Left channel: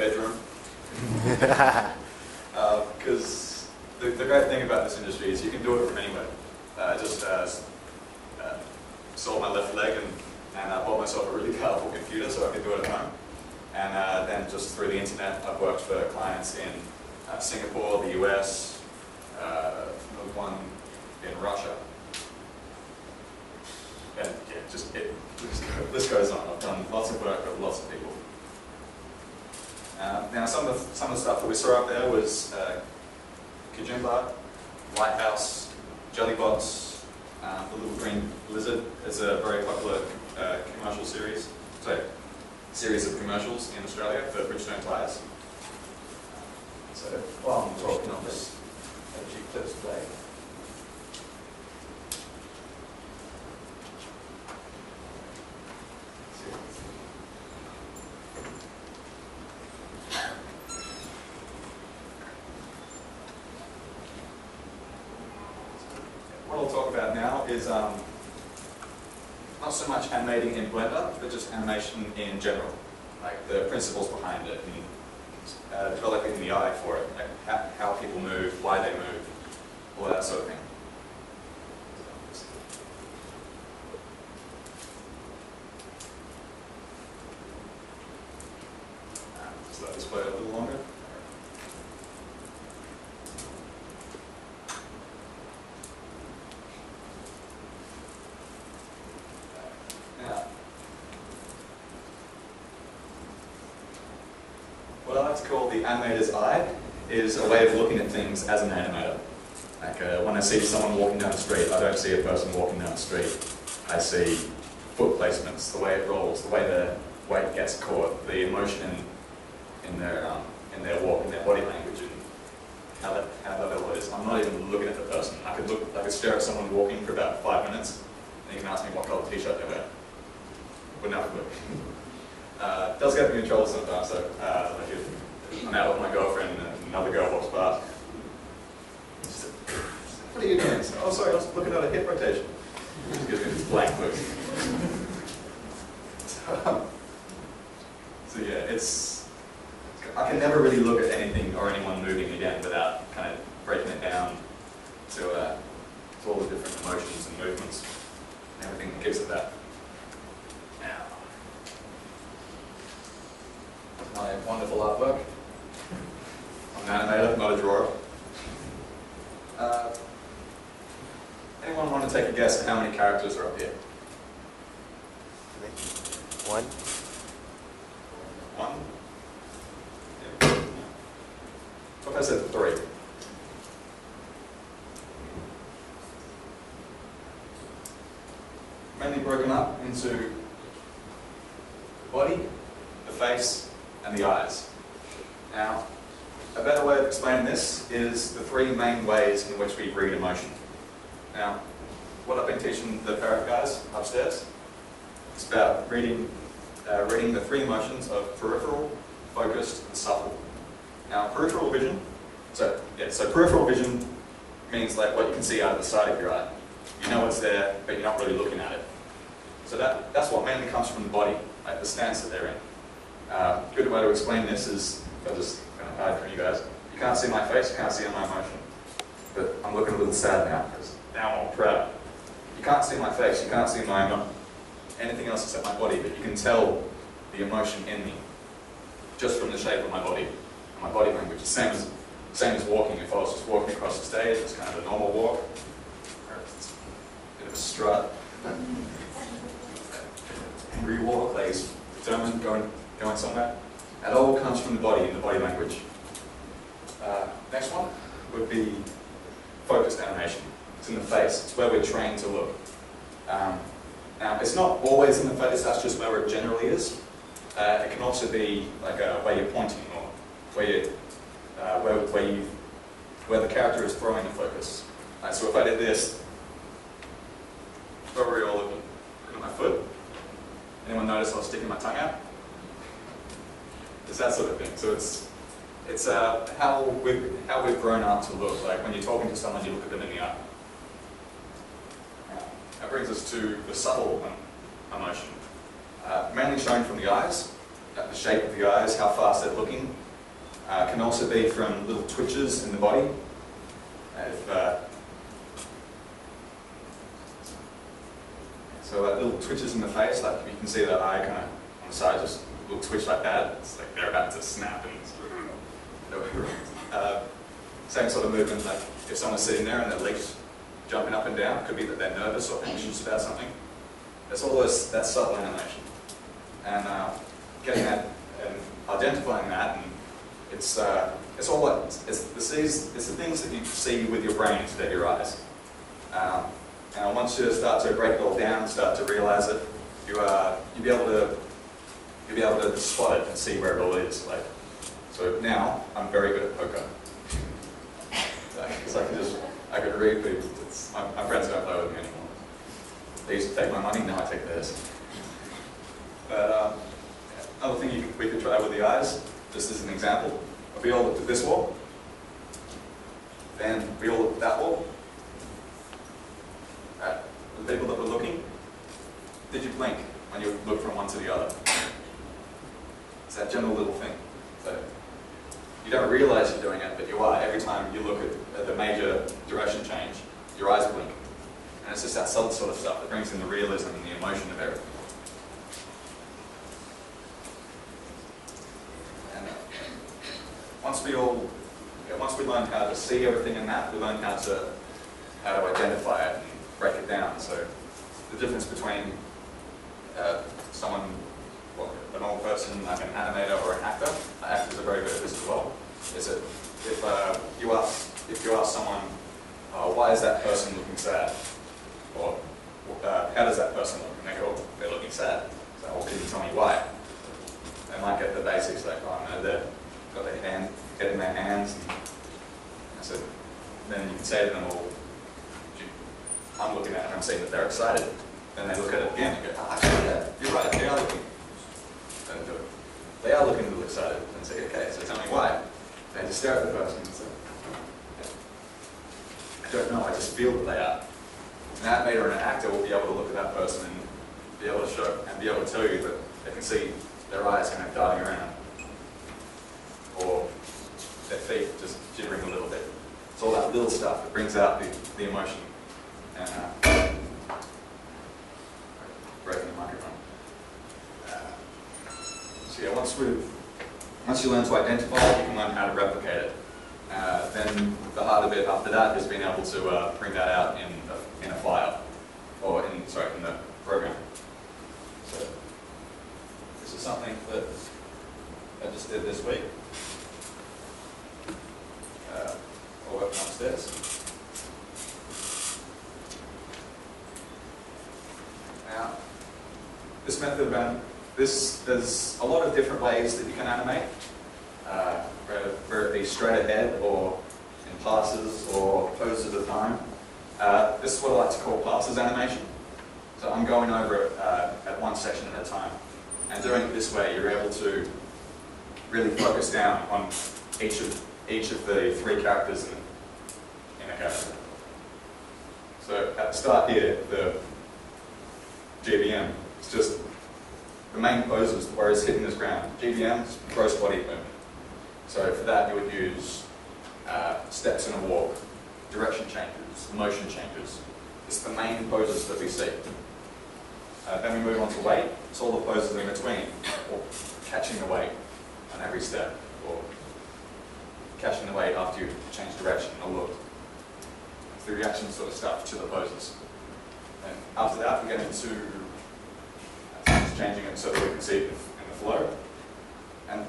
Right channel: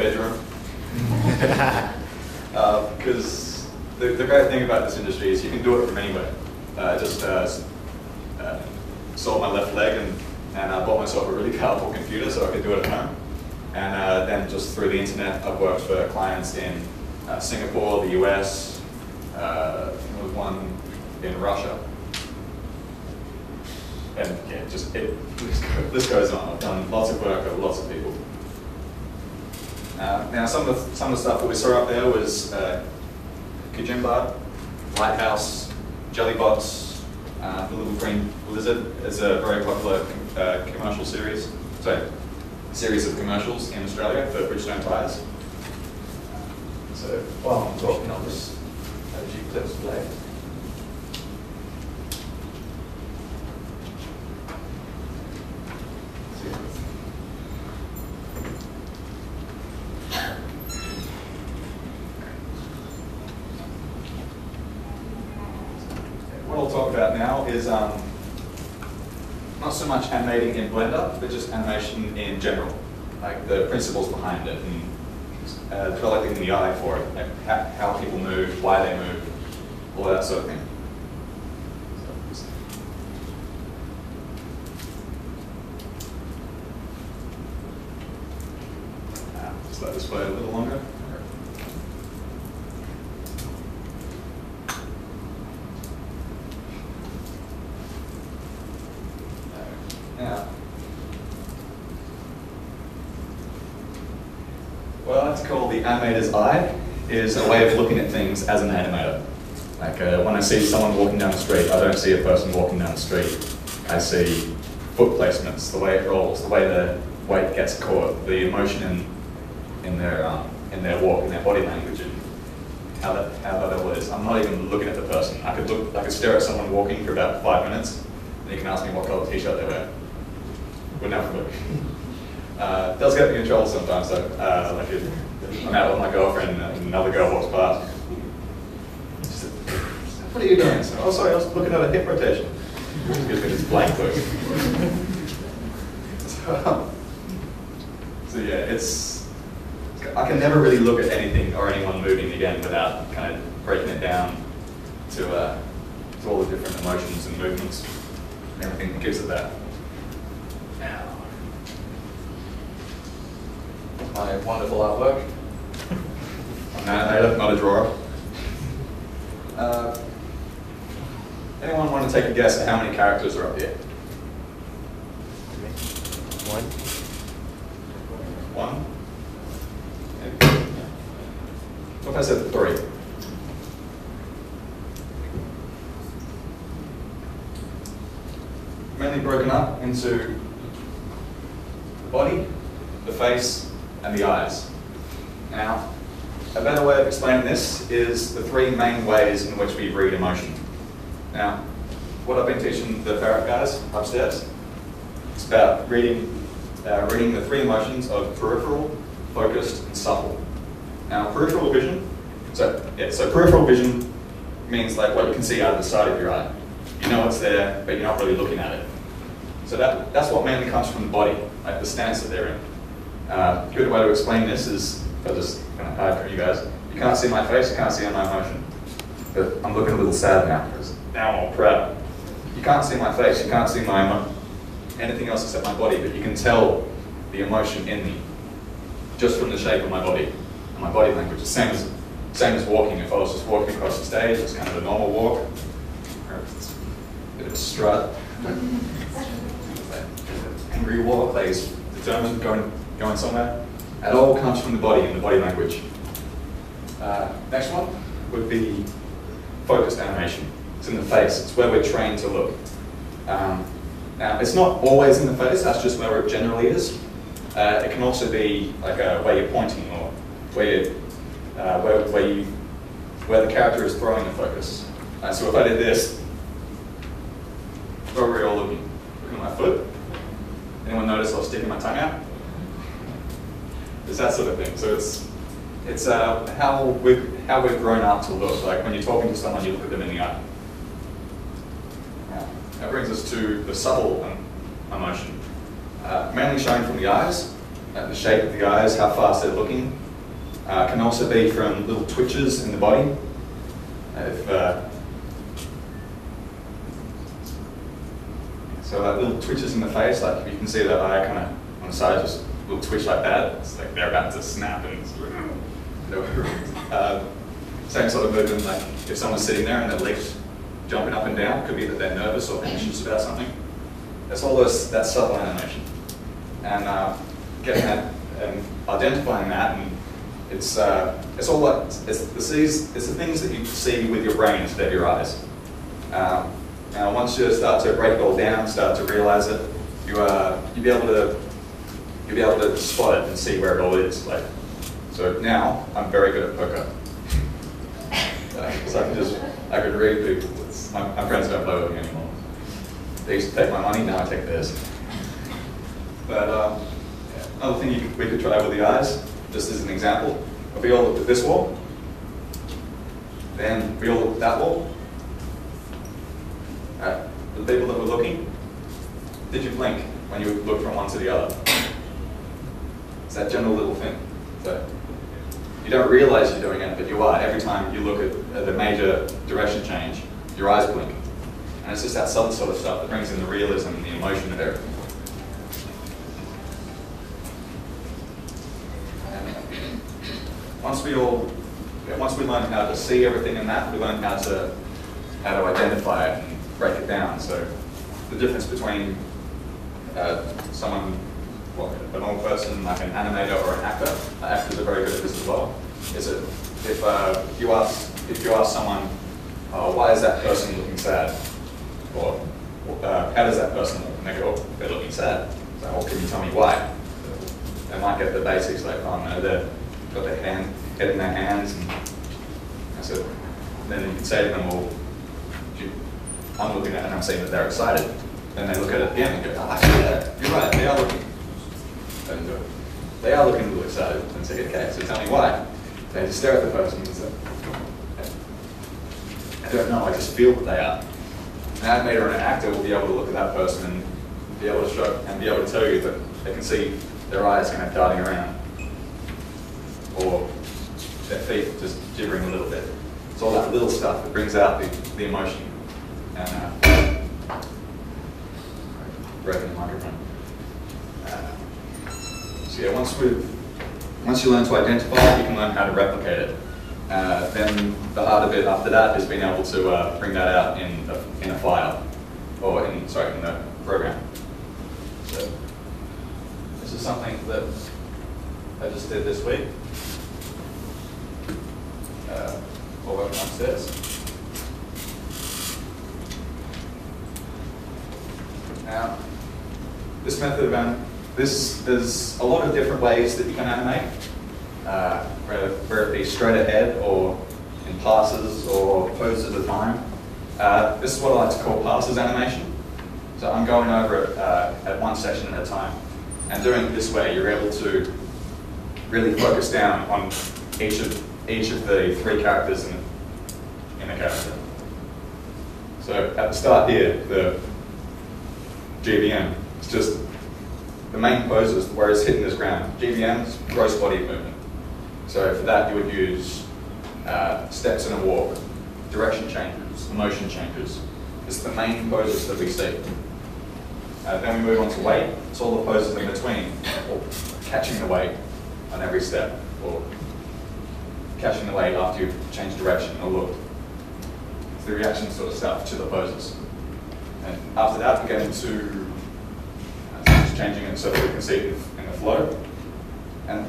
bedroom. Because the great thing about this industry is you can do it from anywhere. Just sold my left leg and I bought myself a really powerful computer so I could do it at home. And then just through the internet, I've worked for clients in Singapore, the US, there was one in Russia. And yeah, this goes on. I've done lots of work with lots of people. Now, some of the stuff that we saw up there was Kajimba, Lighthouse, Jellybots, the Little Green Lizard is a very popular commercial series. So, series of commercials in Australia for Bridgestone tyres. So while I'm talking, I'll just have a few clips play. What I'll talk about now is not so much animating in Blender, but just animation in general, like the principles behind it and developing the eye for it, like how people move, why they move, all that sort of thing. Just let this play a little longer. What I like to call the animator's eye is a way of looking at things as an animator. Like when I see someone walking down the street, I don't see a person walking down the street. I see foot placements, the way it rolls, the way the weight gets caught, the emotion in their walk, in their body language, and how that all is. I'm not even looking at the person. I could stare at someone walking for about 5 minutes, and you can ask me what colour t-shirt they wear. Wouldn't have a clue. It does get me in trouble sometimes, though. Like if I'm out with my girlfriend and another girl walks past. Just, what are you doing? So, oh, sorry, I was looking at a hip rotation. It just gives me this blank look. So yeah, I can never really look at anything or anyone moving again without kind of breaking it down to all the different emotions and movements and everything that gives it that. Now, my wonderful artwork. I'm an animator, not a drawer. Anyone want to take a guess at how many characters are up here? One? What if I said 3? Mainly broken up into the body, the face, and the eyes. Now, a better way of explaining this is the 3 main ways in which we read emotion. Now, what I've been teaching the parrot guys upstairs is about reading the 3 emotions of peripheral, focused, and subtle. Now, peripheral vision, so peripheral vision means like what you can see out of the side of your eye. You know it's there, but you're not really looking at it. So that's what mainly comes from the body, like the stance that they're in. A good way to explain this is, I'll just kind of hide from you guys. You can't see my face, you can't see my emotion. But I'm looking a little sad now, because now I'm all proud. You can't see my face, you can't see anything else except my body, but you can tell the emotion in me, just from the shape of my body and my body language. The same as walking. If I was just walking across the stage, it's kind of a normal walk, or it's a bit of a strut. Angry walk, like he's determined, going somewhere. It all comes from the body and the body language. Next one would be focused animation. It's in the face. It's where we're trained to look. Now, it's not always in the face. That's just where it generally is. It can also be like where you're pointing or where the character is throwing the focus. So if I did this, where were we all looking? Looking at my foot? Anyone notice I was sticking my tongue out? It's that sort of thing. So it's how we've grown up to look. Like when you're talking to someone, you look at them in the eye. That brings us to the subtle emotion, mainly shown from the eyes. the shape of the eyes, how fast they're looking. Can also be from little twitches in the body. So like little twitches in the face, like you can see that eye kind of on the side, just a little twitch like that. It's like they're about to snap and same sort of movement, like if someone's sitting there and their legs jumping up and down, could be that they're nervous or anxious about something. That's all that's subtle animation. And getting that and identifying that, and it's all like it's the things that you see with your brain instead of your eyes. Now, once you start to break it all down, start to realize it, you'll be able to spot it and see where it all is. Like, so now I'm very good at poker. So I could read people. My friends don't play with me anymore. They used to take my money, now I take theirs. But another thing we could try with the eyes, just as an example, if we all looked at this wall, then we all looked at that wall. The people that were looking, did you blink when you looked from one to the other? It's that general little thing. So you don't realize you're doing it, but you are. Every time you look at the major direction change, your eyes blink. And it's just that subtle sort of stuff that brings in the realism and the emotion of everything. And once we learn how to see everything in that, we learn how to identify it and break it down. So the difference between someone, well, a normal person, like an animator or an actor, actors are very good at this as well, is that if you ask someone, why is that person looking sad? Or how does that person look? And they go, oh, they're looking sad. So, well, can you tell me why? They might get the basics like, oh no, they've got their head in their hands. And so then you can say to them, well, I'm looking at it and I'm seeing that they're excited. Then they look at it again and go, oh, yeah, you're right, they are looking. They are looking a little excited. And say, okay, so tell me why. They just stare at the person and say, I don't know, I just feel that they are. An animator and an actor will be able to look at that person and be able to show and be able to tell you that they can see their eyes kind of darting around, or their feet just jittering a little bit. It's all that little stuff that brings out the emotion. And breaking the microphone. So yeah, once you learn to identify, you can learn how to replicate it. Then the harder bit after that is being able to bring that out in a file, or in the program. So this is something that I just did this week. While working upstairs. Now, this method of there's a lot of different ways that you can animate, whether it be straight ahead or in passes or poses at a time. This is what I like to call passes animation. So I'm going over it at one session at a time. And doing it this way, you're able to really focus down on each of the three characters in a character. So at the start here, the GBM, it's just the main poses where it's hitting this ground. GBM is gross body movement. So for that you would use steps in a walk, direction changes, motion changes. It's the main poses that we see. Then we move on to weight. It's all the poses in between, or catching the weight on every step, or catching the weight after you've changed direction or looked. It's the reaction sort of stuff to the poses. And after that, we get into changing it so that we can see it in the flow. And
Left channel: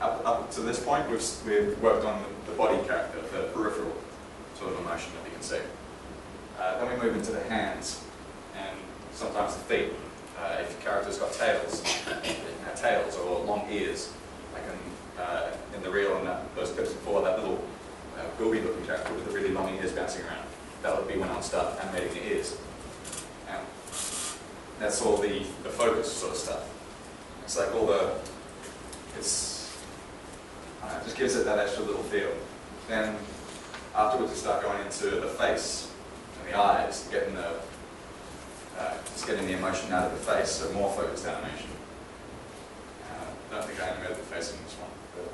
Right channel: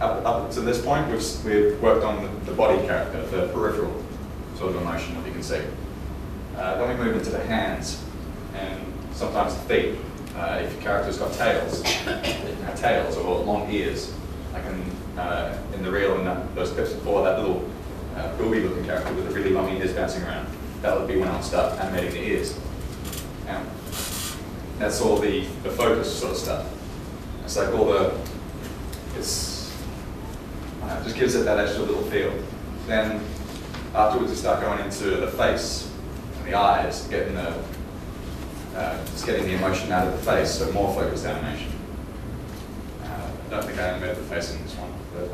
up to this point, we've worked on the body character, the peripheral sort of emotion that we can see. Then we move into the hands, and sometimes the feet. If your character's got tails, they can have tails or long ears. Like in the reel and those clips before, that little booby-looking character with the really long ears bouncing around. That would be when I'll start animating the ears. And that's all the focus sort of stuff. It's like all it just gives it that extra little feel. Then afterwards we start going into the face and the eyes, just getting the emotion out of the face, so more focused animation. I don't think I animated the face in this one, but